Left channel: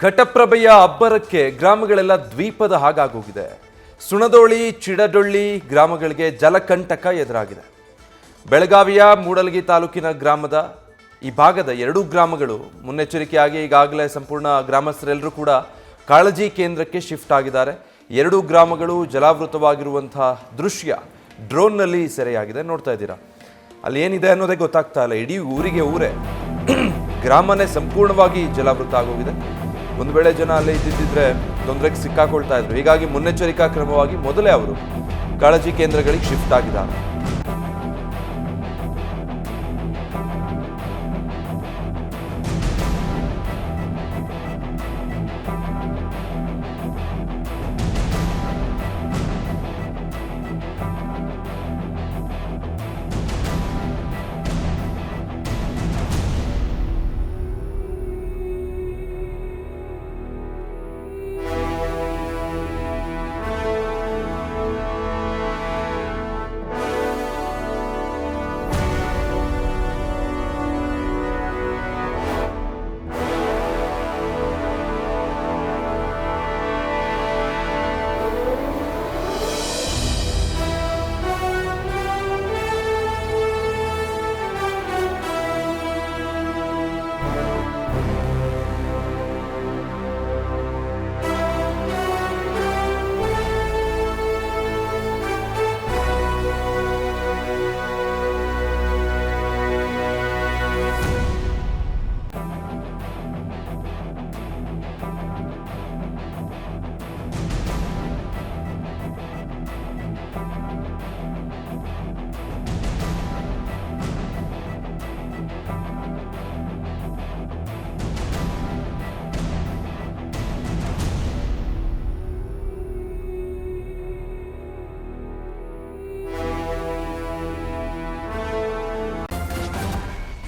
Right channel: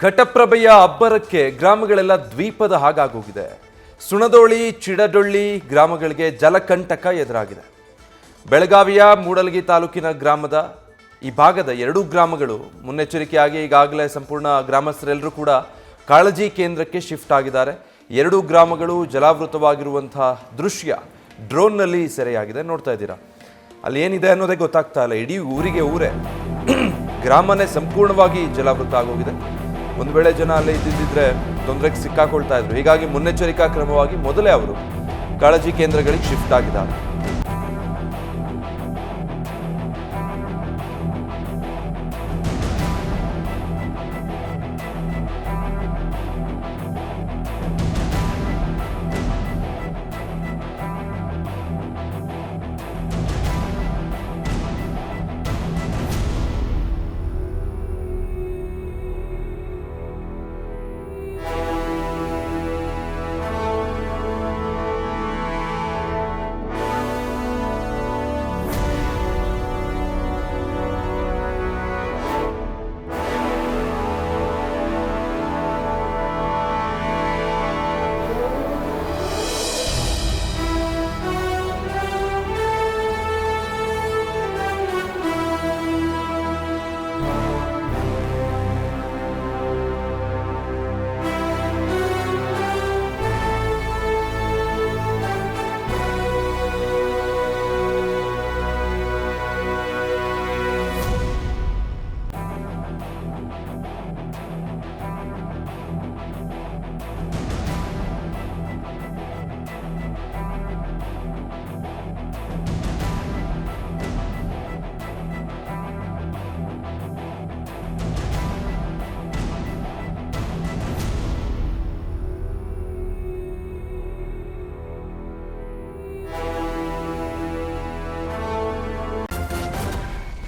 ಘಟಪ್ರಭೆಯ ಅಬ್ಬರಕ್ಕೆ ಗ್ರಾಮಗಳೆಲ್ಲ ದ್ವೀಪದ ಹಾಗಾಗೋಗಿದೆ. ಸುಣದೋಳಿ, ಚಿಡಡೊಳ್ಳಿ ಗ್ರಾಮಗಳಿಗೆ ಜಲಕಂಟಕ ಎದುರಾಗಿದೆ. ಬೆಳಗಾವಿಯ ಮೂಡಲಗಿ ತಾಲೂಕಿನ ಗ್ರಾಮದ ಈ ಭಾಗದ ಎರಡೂ ಗ್ರಾಮಗಳು ಮುನ್ನೆಚ್ಚರಿಕೆಯಾಗಿ ಈಗಾಗಲೇ ಸಂಪೂರ್ಣ ಗ್ರಾಮಸ್ಥರೆಲ್ಲರೂ ಕೂಡ ಕಾಳಜಿ ಕೇಂದ್ರಕ್ಕೆ ಶಿಫ್ಟ್ ಆಗಿದ್ದಾರೆ. ಎರಡೂ ಗ್ರಾಮಗಳು ಜಲಾವೃತವಾಗಿರುವಂತಹ ದೃಶ್ಯ ಡ್ರೋನ್ನಲ್ಲಿ ಸೆರೆಯಾಗಿದೆ. ನೋಡ್ತಾ ಇದ್ದೀರಾ, ಅಲ್ಲಿ ಏನಿದೆ ಅನ್ನೋದೇ ಗೊತ್ತಾಗ್ತಾ ಇಲ್ಲ. ಇಡೀ ಊರೇ ಗ್ರಾಮನೇ ಸಂಪೂರ್ಣವಾಗಿ ಜಲಾವೃತ ಆಗೋಗಿದೆ. ಒಂದು ವೇಳೆ ಜನ ಅಲ್ಲೇ ಇದ್ದಿದ್ದರೆ ತೊಂದರೆಗೆ ಸಿಕ್ಕಾಕೊಳ್ತಾ ಇದ್ರು. ಹೀಗಾಗಿ ಮುನ್ನೆಚ್ಚರಿಕಾ ಕ್ರಮವಾಗಿ ಮೊದಲೇ ಅವರು ಕಾಳಜಿ ಕೇಂದ್ರಗಳಿಗೆ ಶಿಫ್ಟ್ ಆಗಿದ್ದಾರೆ.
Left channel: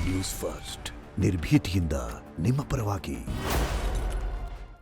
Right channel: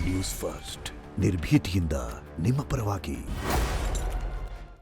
ನ್ಯೂಸ್ ಫಸ್ಟ್ ನಿರ್ಭೀತಿಯಿಂದ ನಿಮ್ಮ ಪರವಾಗಿ.